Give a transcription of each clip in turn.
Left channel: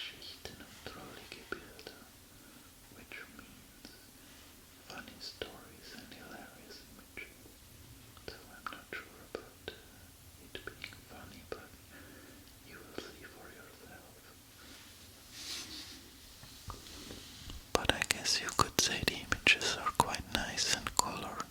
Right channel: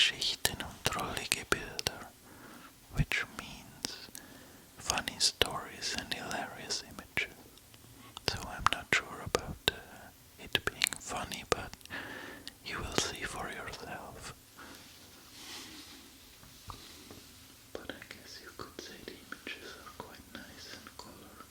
Geschichten und drollige Bilder, which means funny stories and hilarious images. So I'm not sure about it being funny, but you will see for yourself. But I guess you could say the images are quite nice and colored.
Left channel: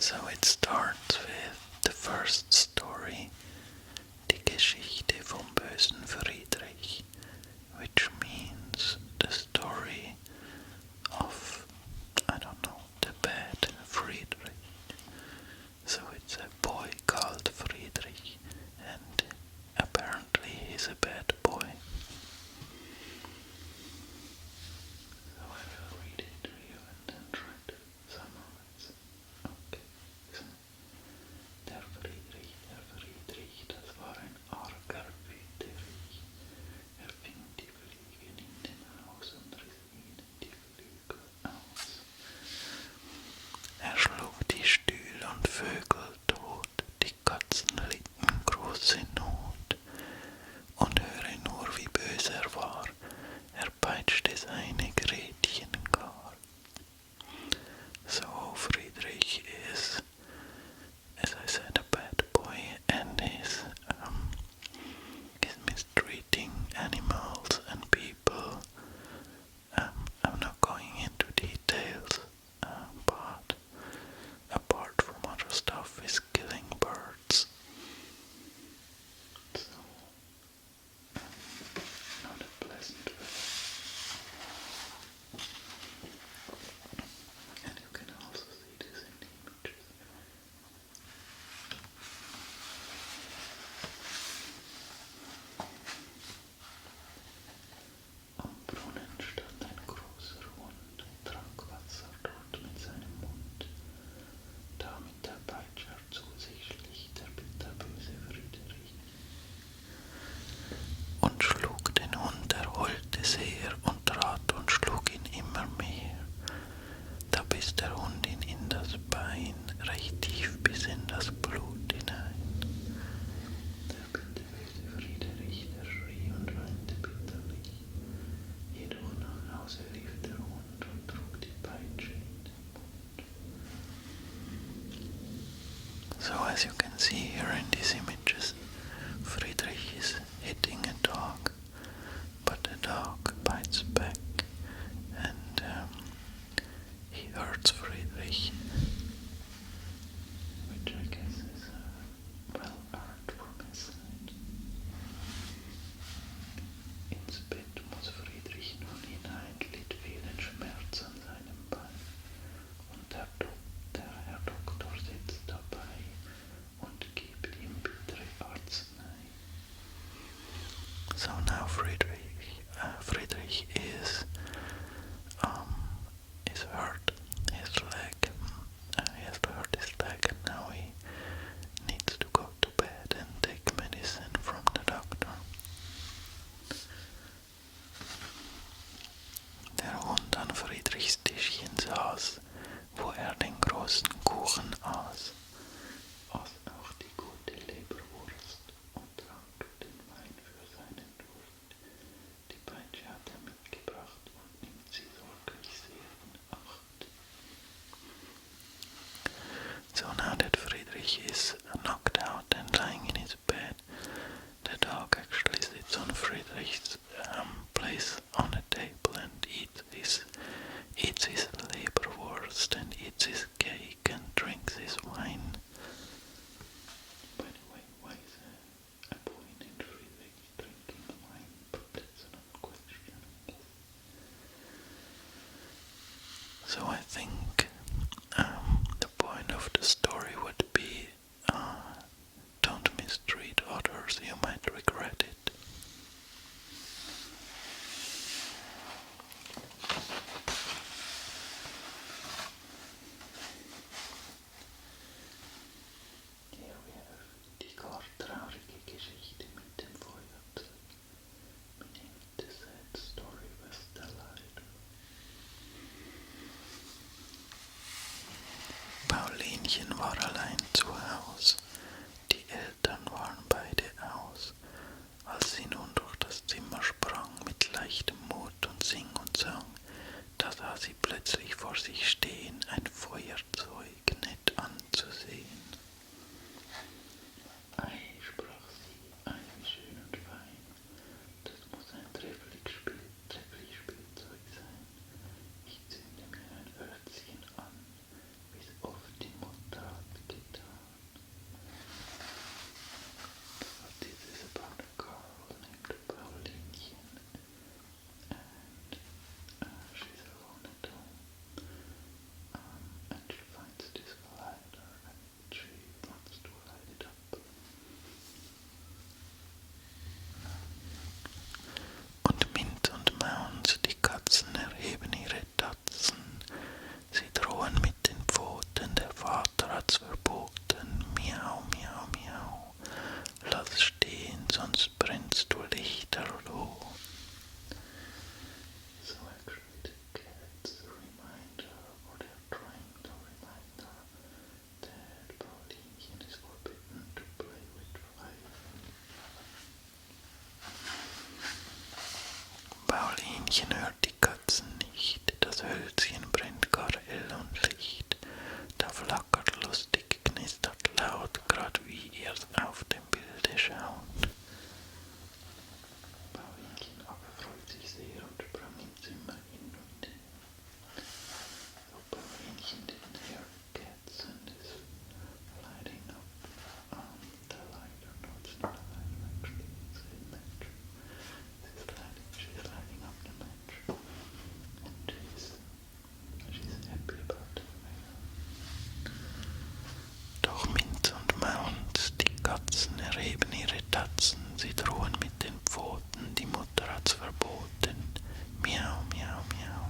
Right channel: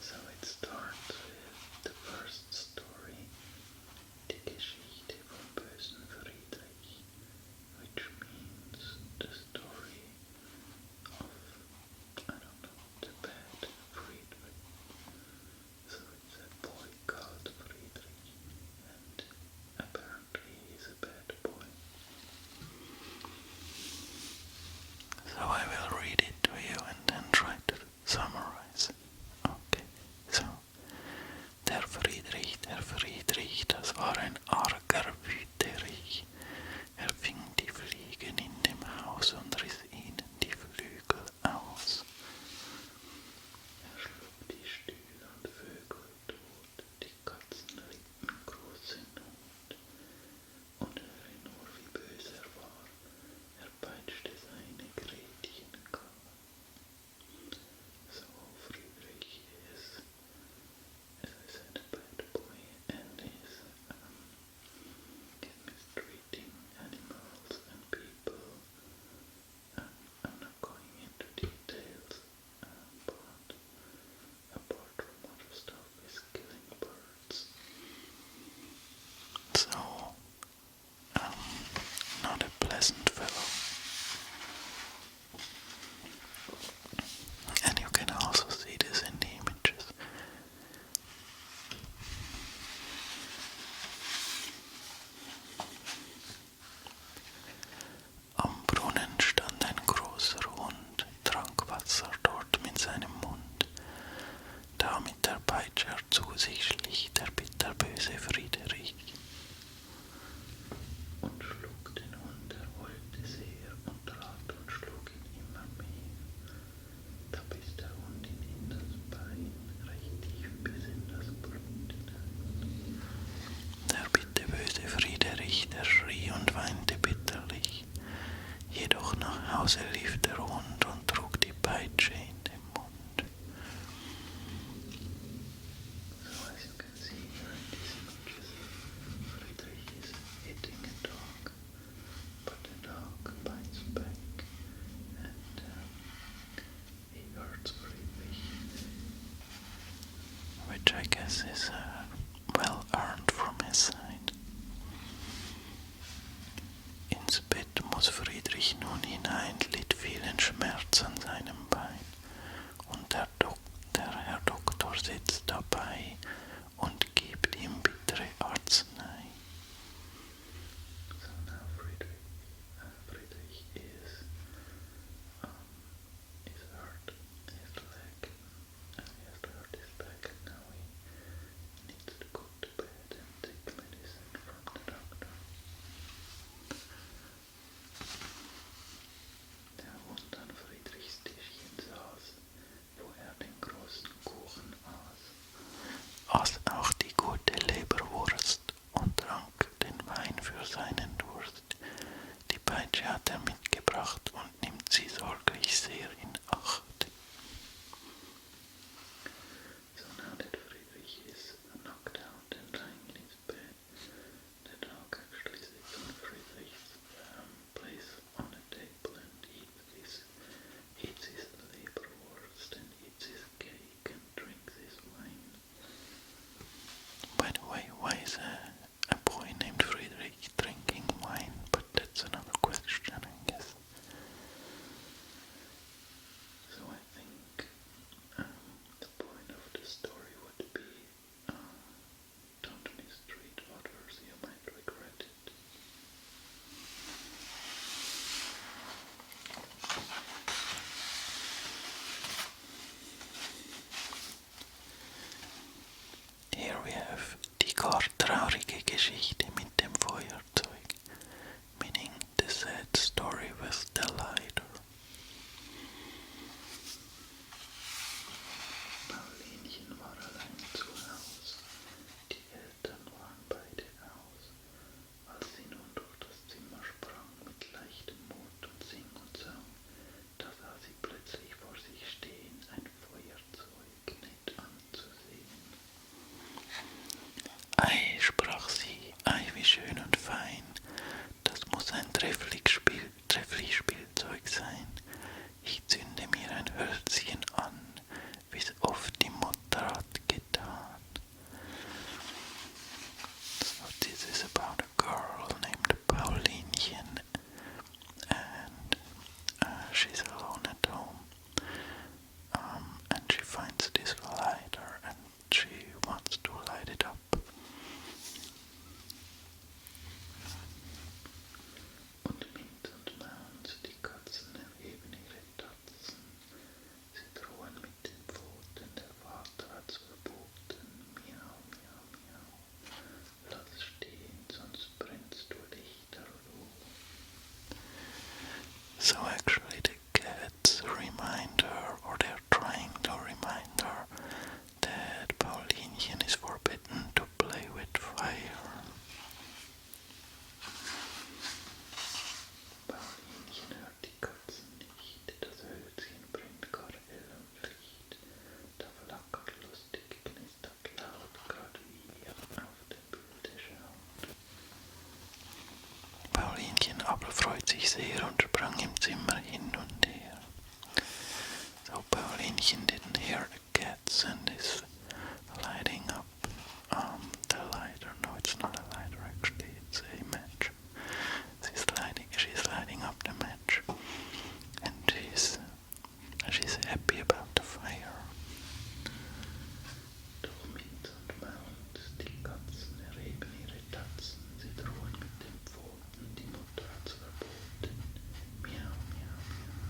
So it starts with the first story, die Geschichte vom bösen Friedrich, which means the story of, I don't know, the bad Friedrich. So it's a boy called Friedrich, and apparently he's a bad boy. So I will read it to you and then try to summarize. Okay, so der Friedrich, das war ein arger Wüterich. Er fing die Fliegen in dem Haus und riss ihnen die Flügel aus. Er schlug die Stühle und Vögel tot, die Katzen litten große Not. Und höre nur, wie böse er war, er peitschte seine Gretchen gar. So Friedrich is, as I said, a bad boy, and is mistreating animals and people. I'm not going into details, but apart from other stuff, is killing birds. So, not a pleasant fellow. And you can also see this in the images. Am Brunnen stand ein großer Hund, trank Wasser dort mit seinem Mund. Da mit der Peitsche er zu sich schlich der bitterböse Friedrich. Und schlug den Hund, er heulte sehr und trat und schlug ihn immer mehr. Da biss der Hund ihn in das Bein, recht tief bis in das Blut hinein. Der bitterböse Friedrich, der schrie und weinte bitterlich. Jedoch nach Hause lief der Hund und trug die Peitsche in den Mund. So as you can see here in these images, Friedrich is hitting a dog, but the dog bites back and he hurts Friedrich, which I guess is well earned from his side. Ins Bett muss Friedrich nun hinein, litt vielen Schmerz an seinem Bein, und der Herr Doktor sitzt dabei und gibt ihm bittere Arznei. So now Friedrich is hurt his leg. He has hurt his leg, and now he needs to go to bed and take medicine from the doctor. Der Hund an Friedrichs Tischchen saß, wo er den großen Kuchen aß auch die gute Leberwurst und trank den Wein für seinen Durst. Die Peitsche hat er mitgebracht und nimmt sie sorglich sehr in Acht. So now that Friedrich is knocked out and lying in his bed, the dog actually sits on Friedrich's place on a table and eats his Leberwurst and eats his cake and drinks his wine. By the way, why is a boy named Friedrich drinking wine? But that's another question, I guess. So I think the point of the story would be don't mistreat others, you might regret it. Here we have die gar traurige Geschichte mit dem Feuerzeug, meaning the sad story with the lighter. sah sie plötzlich vor sich stehen, ein Feuerzeug, nett anzusehen. Ei, sprach sie, ei, wie schön und fein, das muss ein trefflich Spielzeug sein. Ich zünde mir ein Hölzchen an, wie's oft die Mutter hat getan. So this is about a girl named Pauline, and she's alone at home, and she finds this lighter and she wants to light it up. Und Mint und Maunz, die Katzen erheben ihre Tatzen, sie drohen mit den Pfoten, der Vater hat's verboten, miau, miau, miau, lass stehen, sonst brennst du lichterloh. So actually the cats remind her, or they're trying to remind her, that Paulinchen is forbidden to play with fire. Paulinchen hört die Katzen nicht, das Hölzchen brennt gar hell und licht, da flackert lustig, knistert laut, grad wie ihr auf dem Bilde schaut. Paulinchen aber freut sich sehr und sprang im Zimmer hin und her. So Paulinchen didn't hear the cats and is lighting up the lighter. No, it's not a lighter actually, it's a match. She's lighting up the match, and she's happy about the fire. Doch Minz und Maunz, die Katzen erheben ihre Tatzen, sie drohen mit den Pfoten, die Mutter hat's verboten. Miau, miau, miau,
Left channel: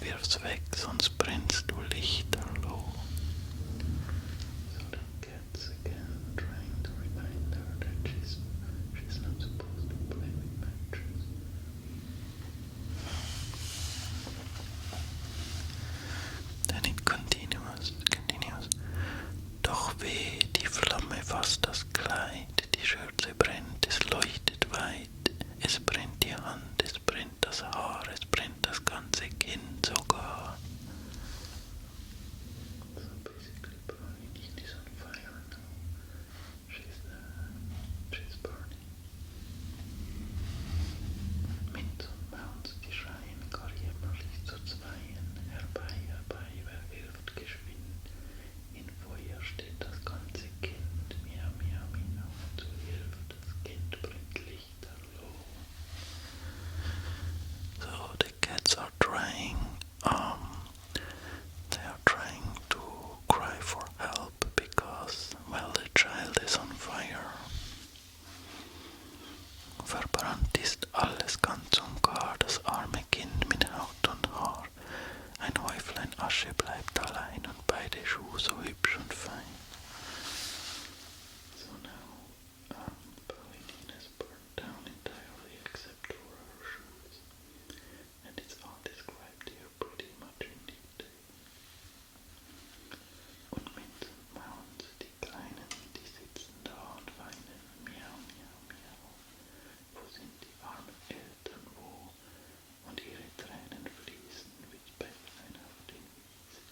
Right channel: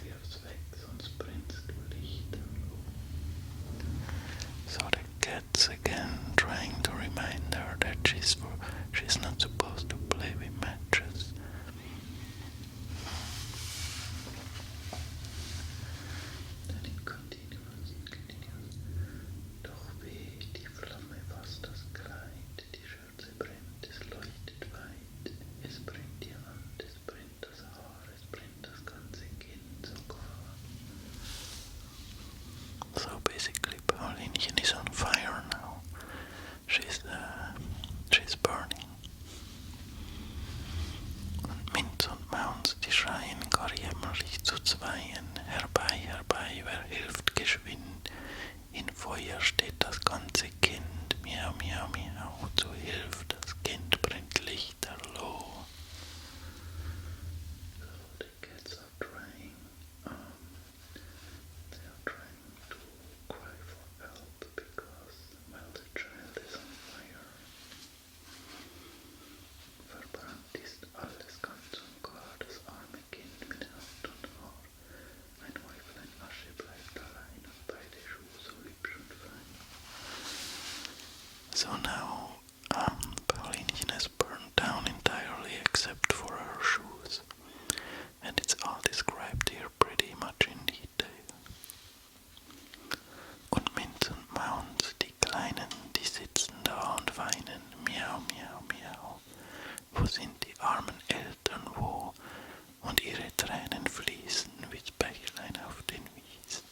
wirf's weg, sonst brennst du lichterloh. So the cat's again trying to remind her that she's not supposed to play with matches. Then it continues. Doch weh, die Flamme fasst das Kleid, die Schürze brennt, es leuchtet weit, es brennt die Hand, es brennt das Haar, es brennt das ganze Kind sogar. So basically Paulinchen is on fire now. She's burning. Und Minz und Maunz, die schreien gar jämmerlich zu zweien. Herbei, herbei, wer hilft geschwind? In Feuer steht das ganze Kind. Miau, miau, miau, zu Hilf, das Kind brennt lichterloh. So the cats are trying, they are trying to cry for help because, well, the child is on fire. Verbrannt ist alles ganz und gar, das arme Kind mit Haut und Haar. Ein Häuflein Asche bleibt allein und beide Schuhe so hübsch und fein. So now, Paulinchen has burned down entirely except for her shoes. And it's all described here pretty much in detail. Und Minz und Maunz, die Kleinen, die sitzen da und weinen. Miau, miau, miau. Wo sind die armen Eltern, wo? Und ihre Tränen fließen wie Bächlein auf den Wiesen.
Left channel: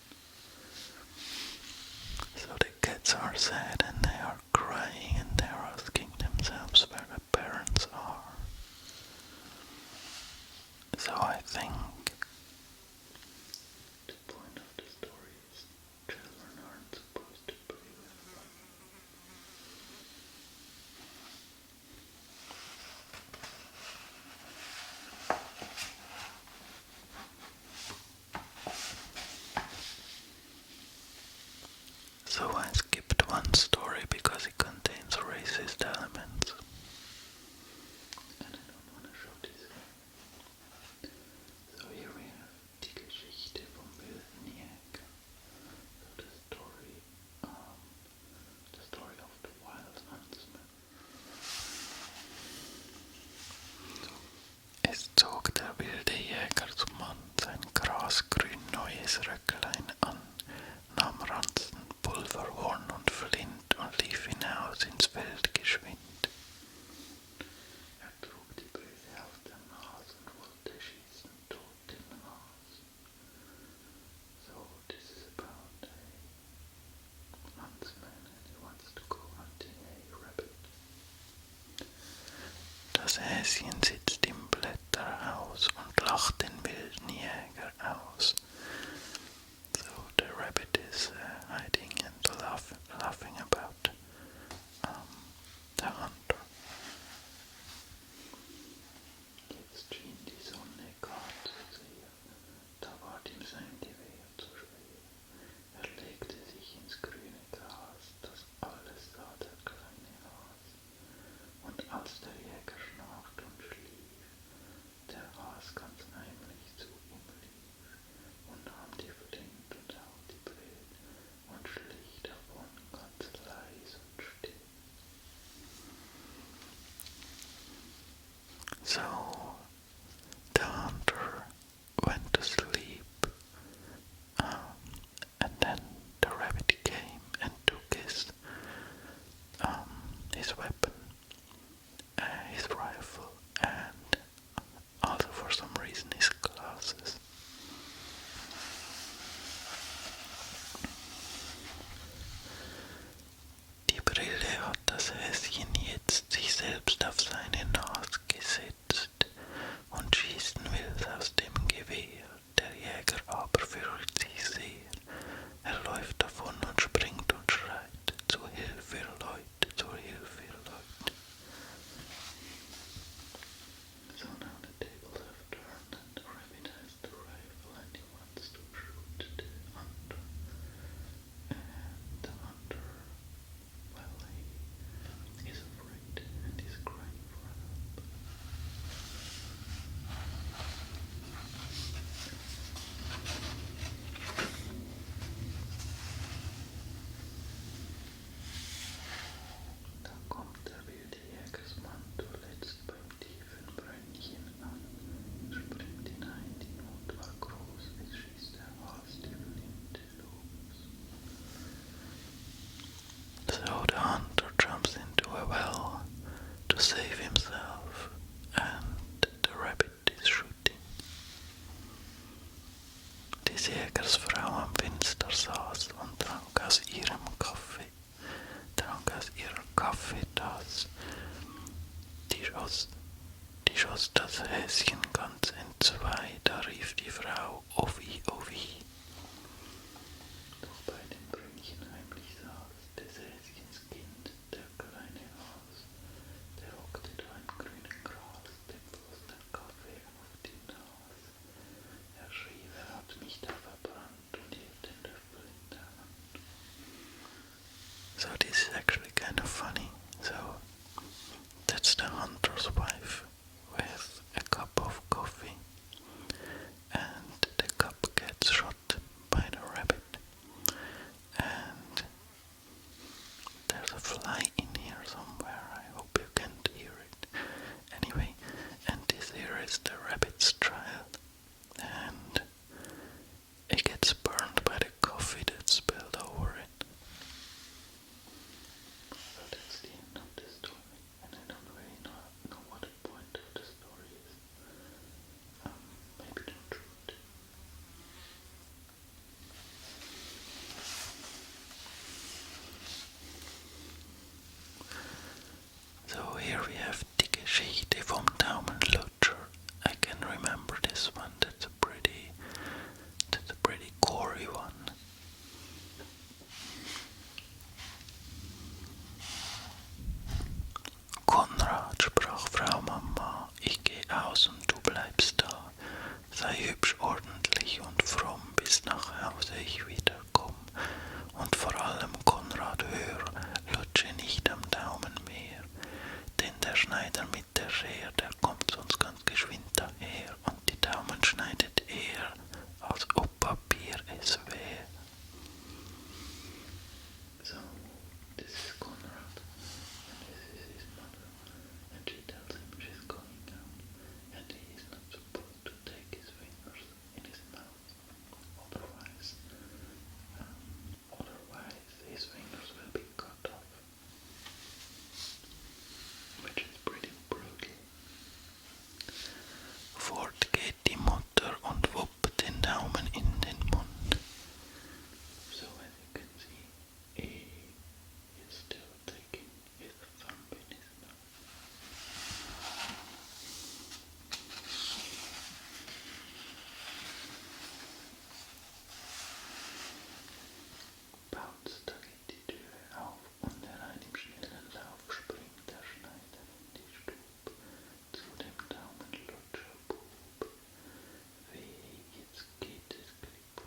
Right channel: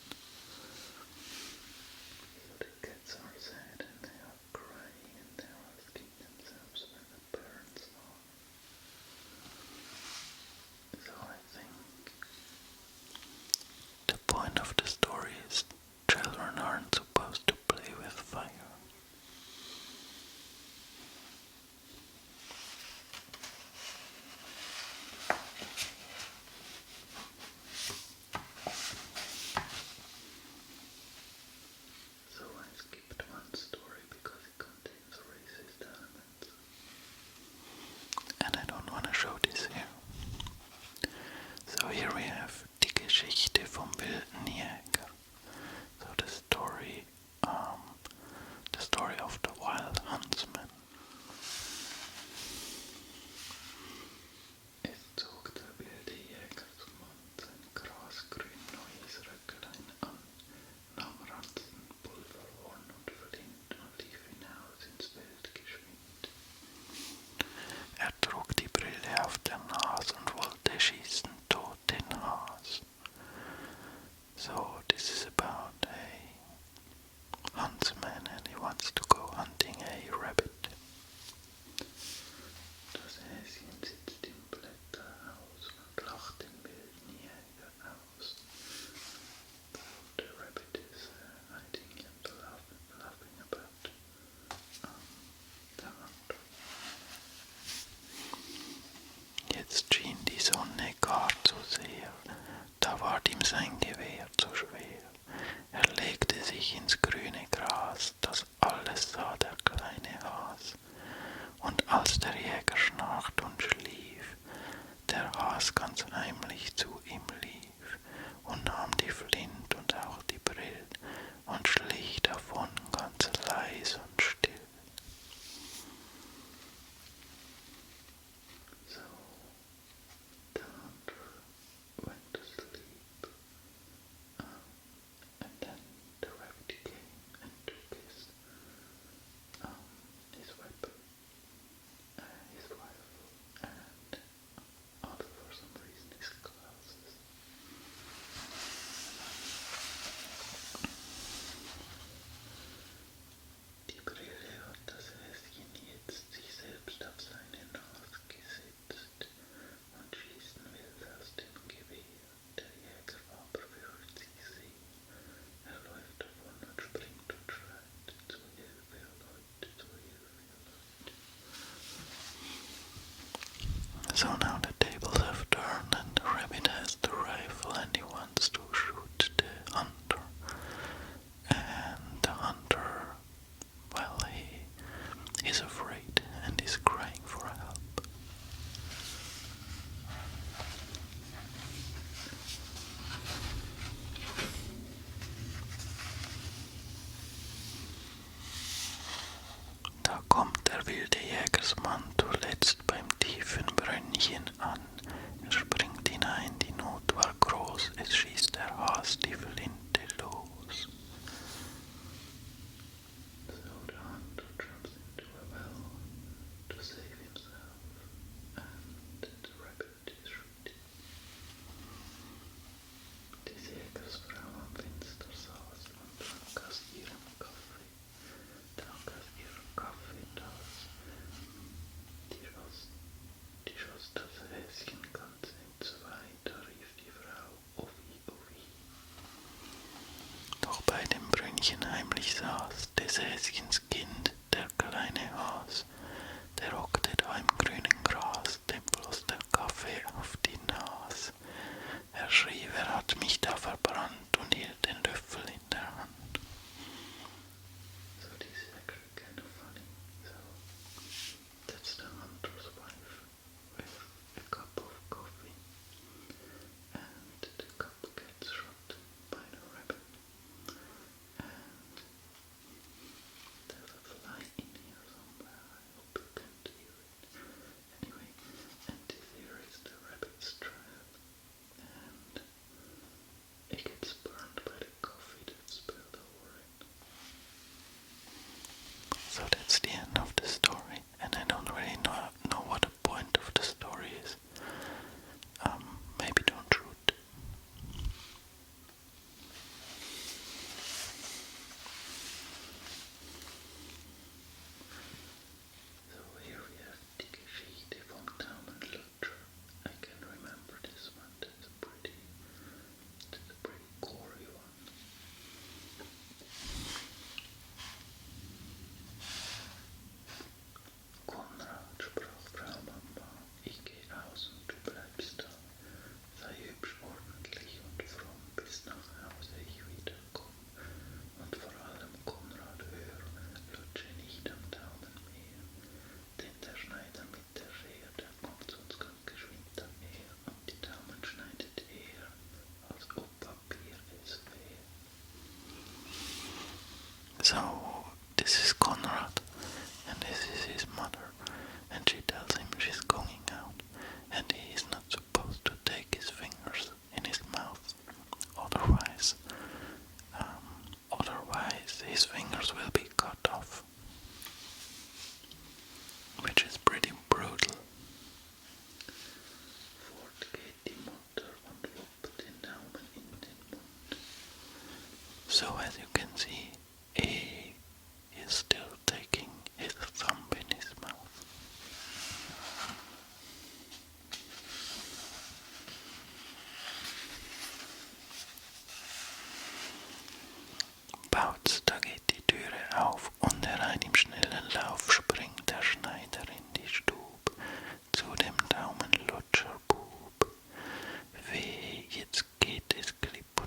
sein Gewehr zu schwer. Er legte sich ins grüne Gras, das alles sah der kleine Has. Und als der Jäger schnarcht und schlief, der Has ganz heimlich zu ihm lief und nahm die Flint und auch die Brill und schlich davon ganz leis und still. So the hunter went to sleep, and then the rabbit came and took his weapon, his rifle, and also for some reason his glasses. Die Brille hat das Häschen jetzt sich selbst auf seine Nase gesetzt und schießen will aus dem Gewehr. Der Jäger aber fürchtet sich sehr. Er läuft davon und springt und schreit: Zur Hilfe, Leute, zur Hilfe, Leute. So now the tables have turned and the rabbit has the rifle and he wants to shoot the hunter. And the hunter, well, he is afraid and is crying for help. Da kommt der wilde Jägersmann zuletzt beim tiefen Brünnchen an. Er springt hinein, die Not war groß, es schießt der Has die Flinte los. So the hunter jumps into a well to save himself, and the rabbit is shooting. Die Jägersfrau am Fenster saß und trank aus ihrer Kaffeetasse. Die schoss das Häschen ganz entzwei, da rief die Frau: Ovi, Ovi. Doch bei dem Brünnchen heimlich saß des Häschens Kind, der kleine Has. Der hockte da im grünen Gras, dem floss der Kaffee auf die Nase. Er schrie: Wer hat mich da verbrannt, und hielt den Löffel in der Hand. So this is actually kind of funny. So that's the hunter's wife with a cup of coffee, and the cup gets shot by the rabbit, and there's a fly in here somewhere. I hope you can't hear it. Anyway, and this here is the rabbit's child, and it gets burned by the coffee that spilled over it. So that's the end of the story, and I don't really know what the point of the story is. Maybe don't shoot. So here we have die Geschichte vom Daumenlutscher. I can remember this one. That's a pretty gory one. Konrad, sprach Frau Mama, ich geh aus und du bleibst da. Sei hübsch, ordentlich und fromm, bis nach Hause ich wiederkomm. Und vor allem, Konrad, hör, lutsche nicht am Daumen mehr. Denn der Schneider mit der Schere, der kommt sonst ganz geschwind daher. Und die Daumen schneidet er, als ob Papier es wär. So, this is Konrad, and this is his mother, and she tells him she's going out, and he is not supposed to take his fingers in his mouth, otherwise his fingers will be cut off, which is pretty brutal. Fort geht die Mutter und wuppt den Daumen in den Mund. So as you can see, he is still taking his thumb in his mouth. Bautz, da geht die Türe auf und herein im schnellen Lauf springt der Schneider in die Stub zu dem Daumenlutscherbub. Weh, jetzt geht es klipp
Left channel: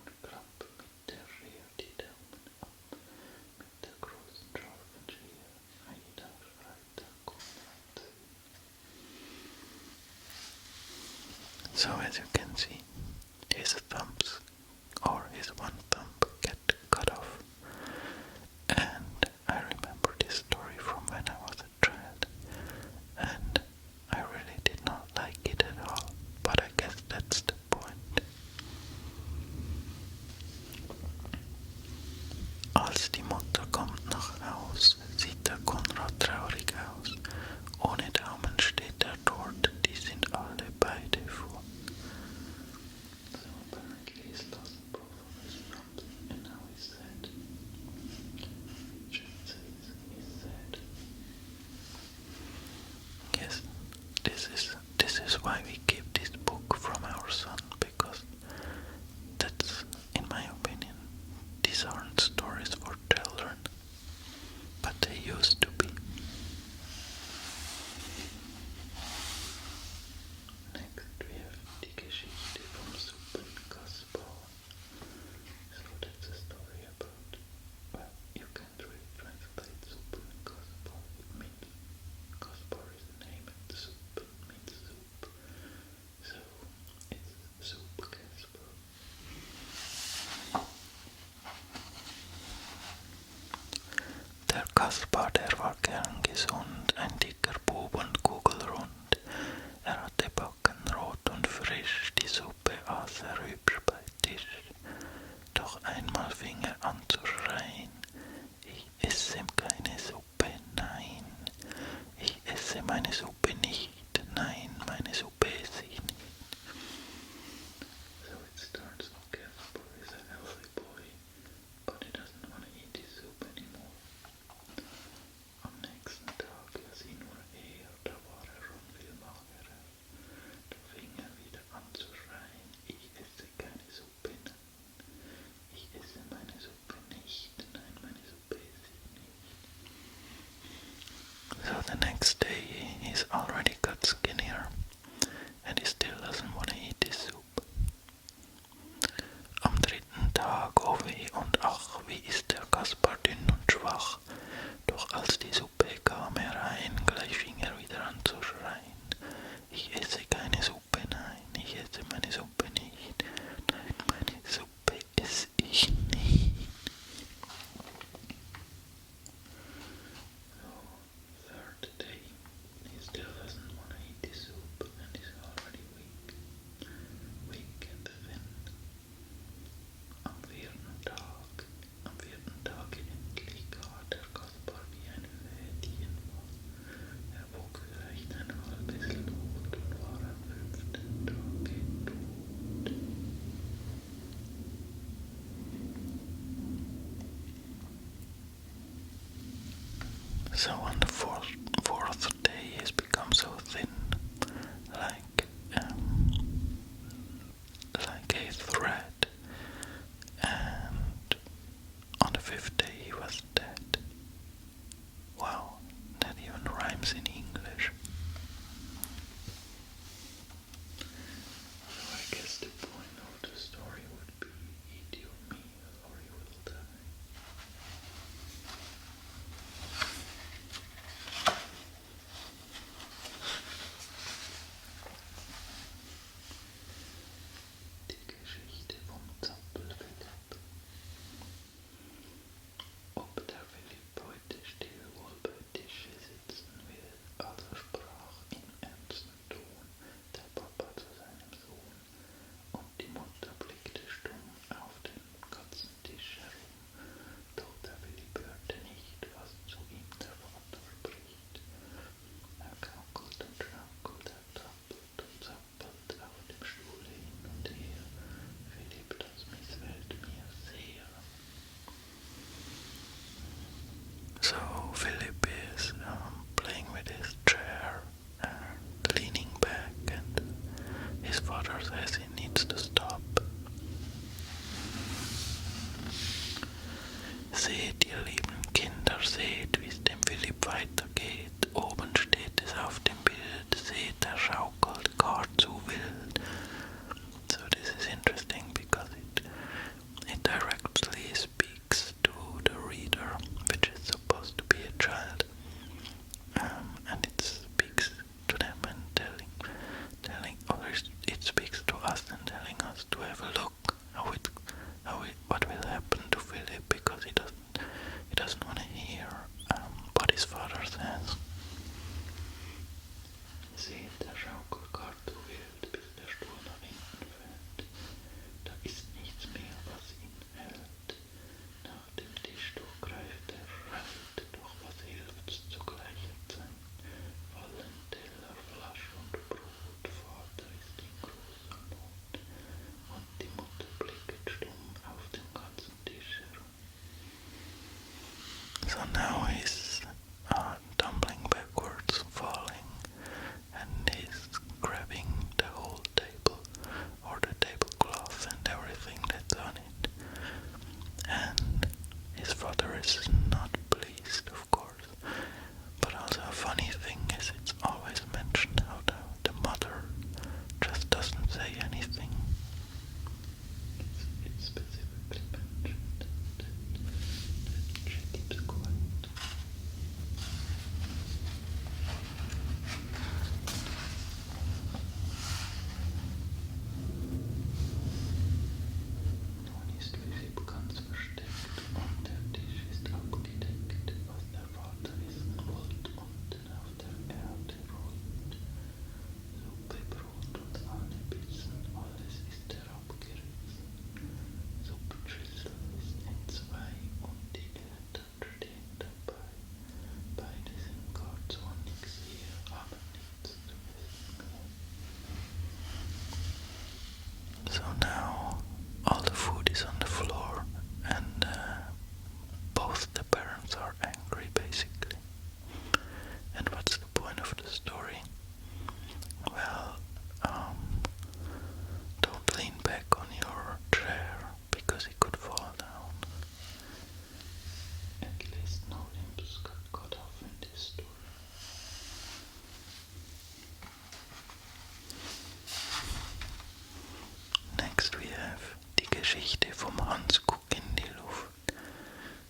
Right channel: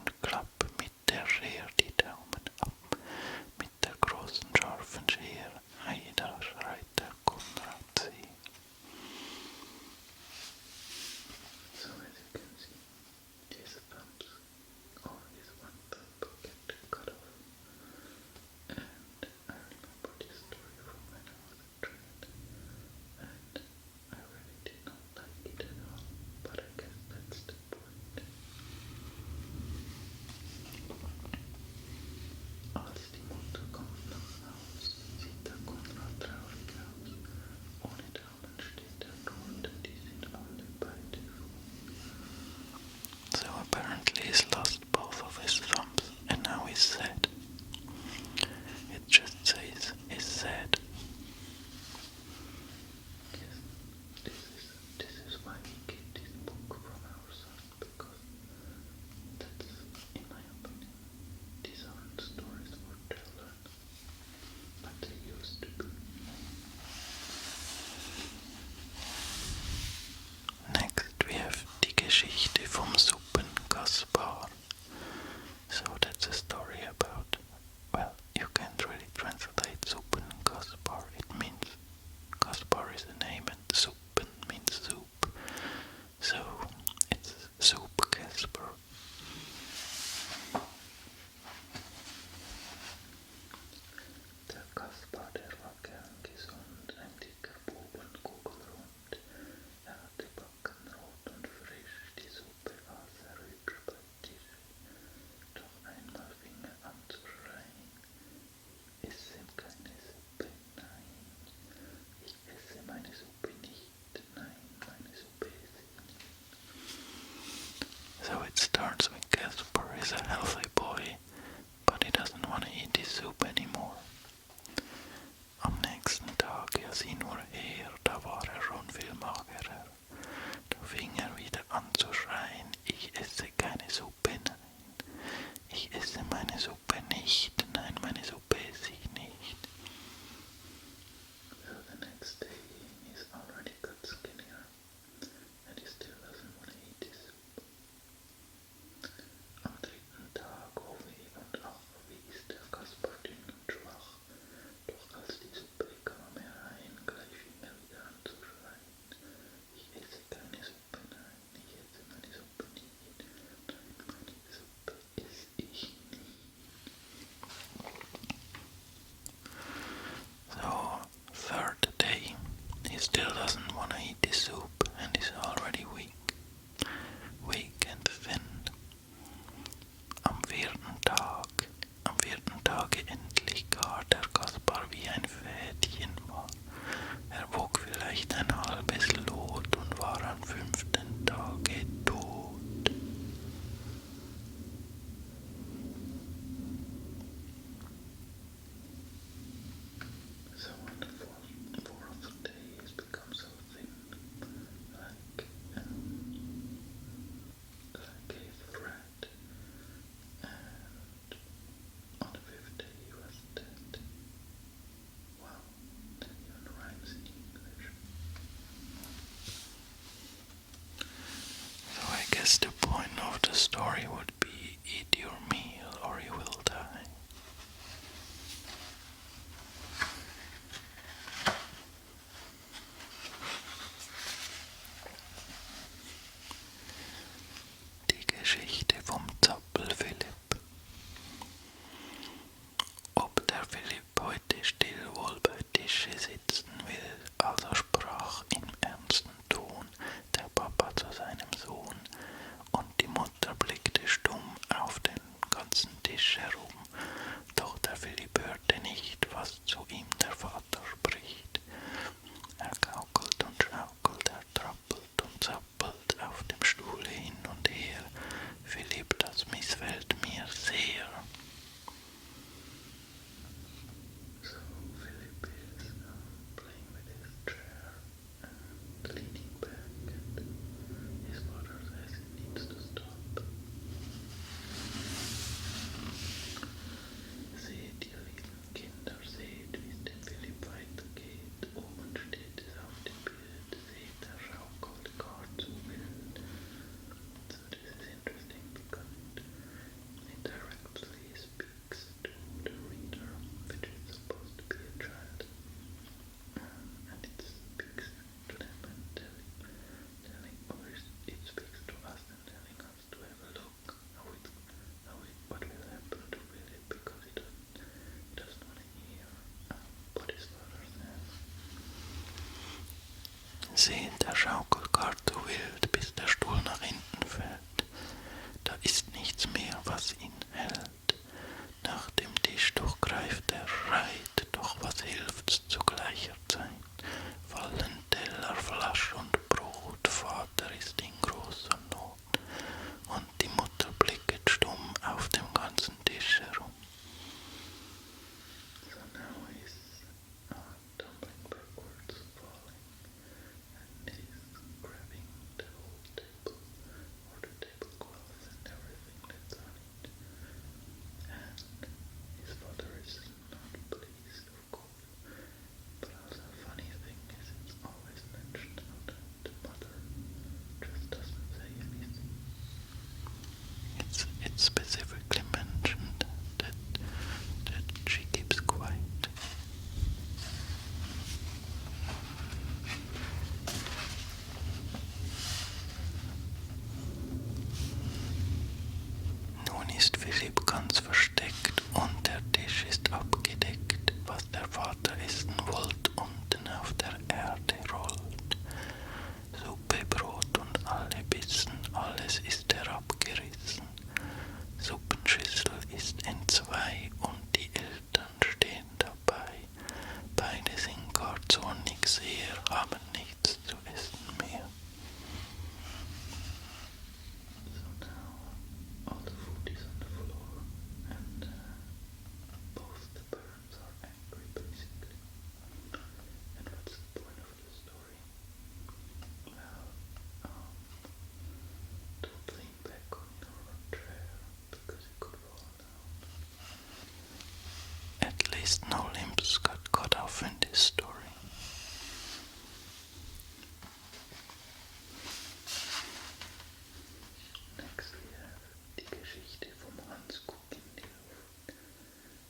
Geschichte vom Hans guck in die Luft.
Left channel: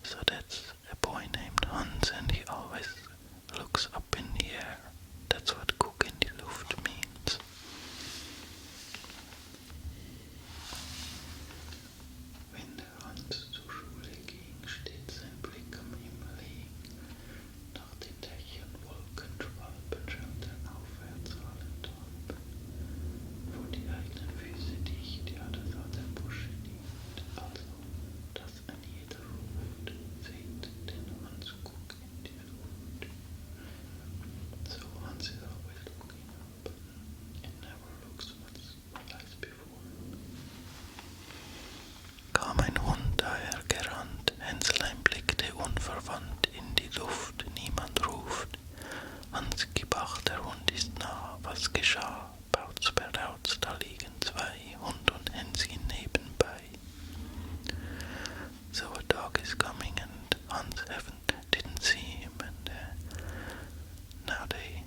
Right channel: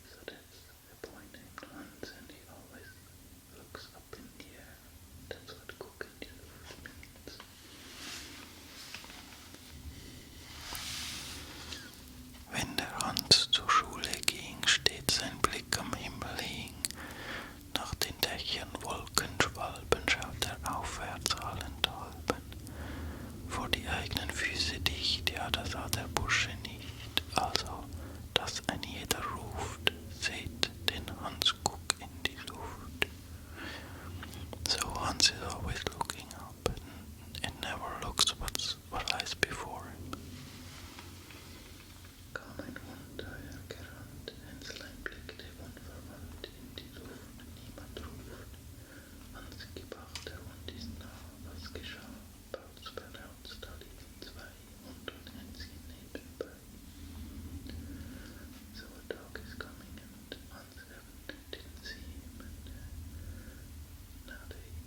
So that's a boy named Hans and he always looks up in the air. That's what guck in die Luft means. Wenn der Hans zur Schule ging, steht sein Blick am Himmel hing. Nach den Dächern, Wolken, Schwalben schaut er aufwärts allenthalben. Vor die eigenen Füße dicht, ja, das sah der Bursche nicht. Also, dass ein jeder ruft, seht den Hans guck in die Luft. So Hans is always looking up and never looks what lies before him. Kam ein Hund daher gerannt, Hänslein blickte unverwandt in die Luft, niemand ruft. Hans gib acht, der Hund ist nah, was geschah? Bautz, Berdautz, da liegen zwei, Hund und Hänschen nebenbei. So a dog is coming and Hans didn't see him and now they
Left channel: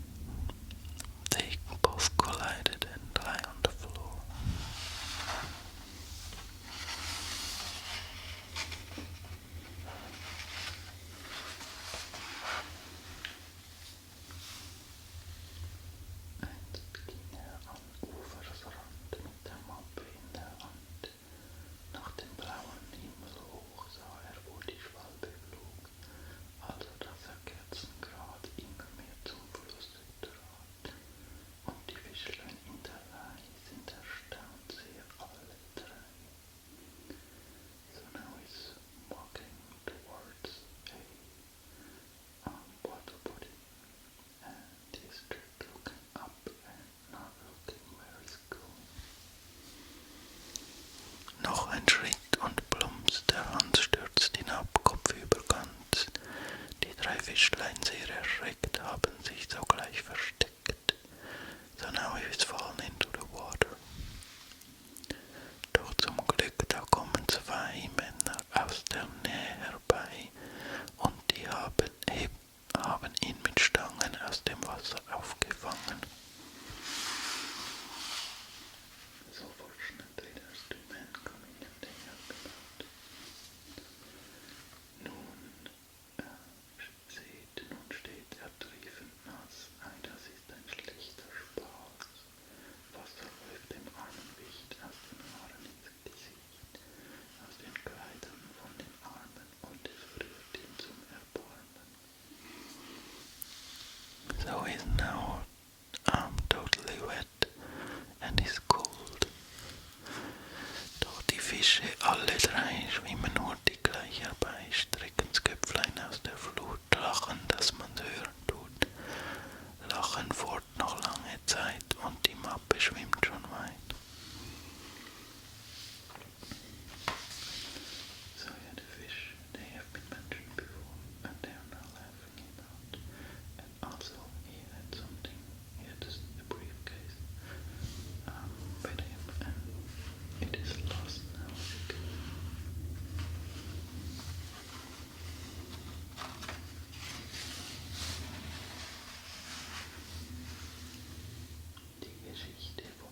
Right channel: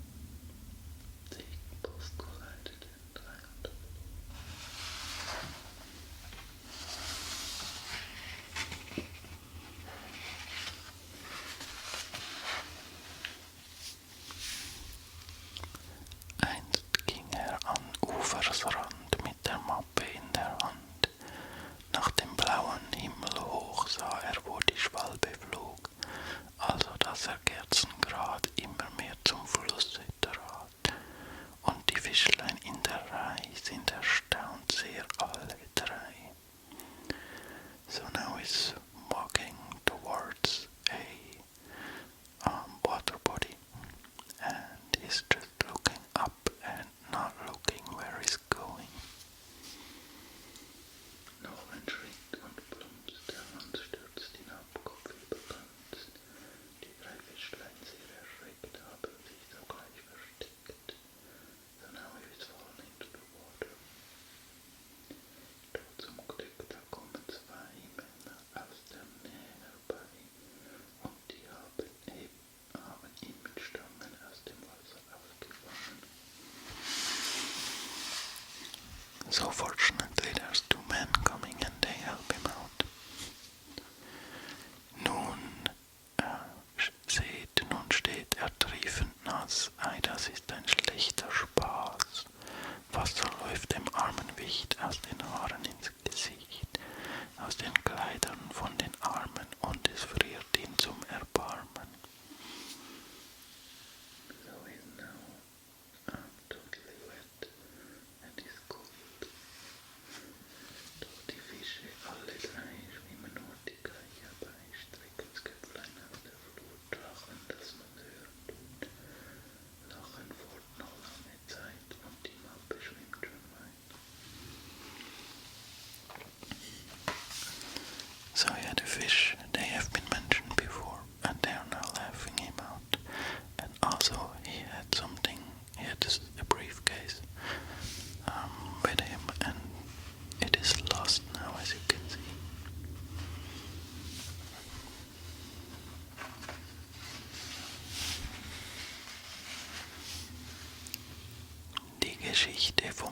both collided and lie on the floor. Einst ging er an Ufersrand mit der Mappe in der Hand. Nach dem blauen Himmel hoch sah er, wo die Schwalbe flog, also dass er kerzengrad immer mehr zum Flusse trat. Und die Fischlein in der Reih sind erstaunt sehr alle drei. So now he's walking towards a water body and he's just looking up and not looking where he's going. Noch ein Schritt und plumps, der Hans stürzt hinab, kopfüber ganz. Die drei Fischlein sehr erschreckt, haben sich sogleich versteckt. So now he is fallen into the water. Doch zum Glück, da kommen zwei Männer aus der Nähe herbei und die haben ihn mit Stangen aus dem Wasser aufgefangen. So fortunately there's two men coming and they help him out. Nun steht er triefend nass, ei, das ist ein schlechter Spaß. Wasser läuft dem armen Wicht aus den Haaren ins Gesicht, aus den Kleidern von den Armen und es friert ihn zum Erbarmen. So he's now totally wet and is cold. Doch die Fische, alle drei, schwimmen hurtig gleich herbei, strecken's Köpflein aus der Flut, lachen, dass man's hören tut, lachen fort noch lange Zeit und die Mappe schwimmt schon weit. So yeah, the fish, they have been mentioned before and they are now laughing him out. And also he had a briefcase with him and it is lost now, as you can see. Die Geschichte vom